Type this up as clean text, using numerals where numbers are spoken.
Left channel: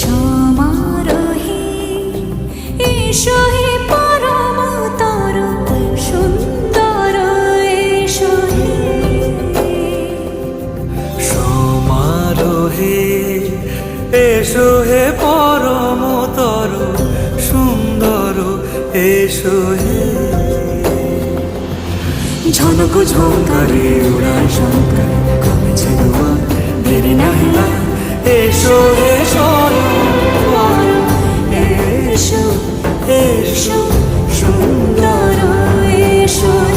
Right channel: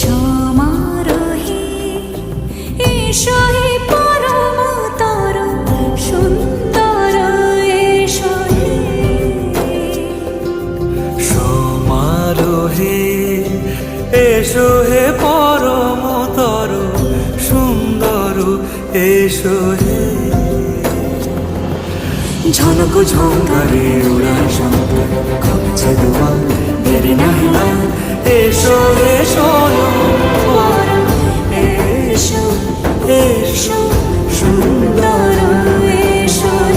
সমারোহে এসো হে পরমতর সুন্দর এসো হে। সমারোহে এসো হে পরমতর সুন্দর এসো হে। ঝনক ঝঙ্কারে উড়ায় শঙ্কর খুলেছে দুয়ার দেরি নাহি আর। এসো হে স্বয়ং বর এসো এসো সুন্দর এসো।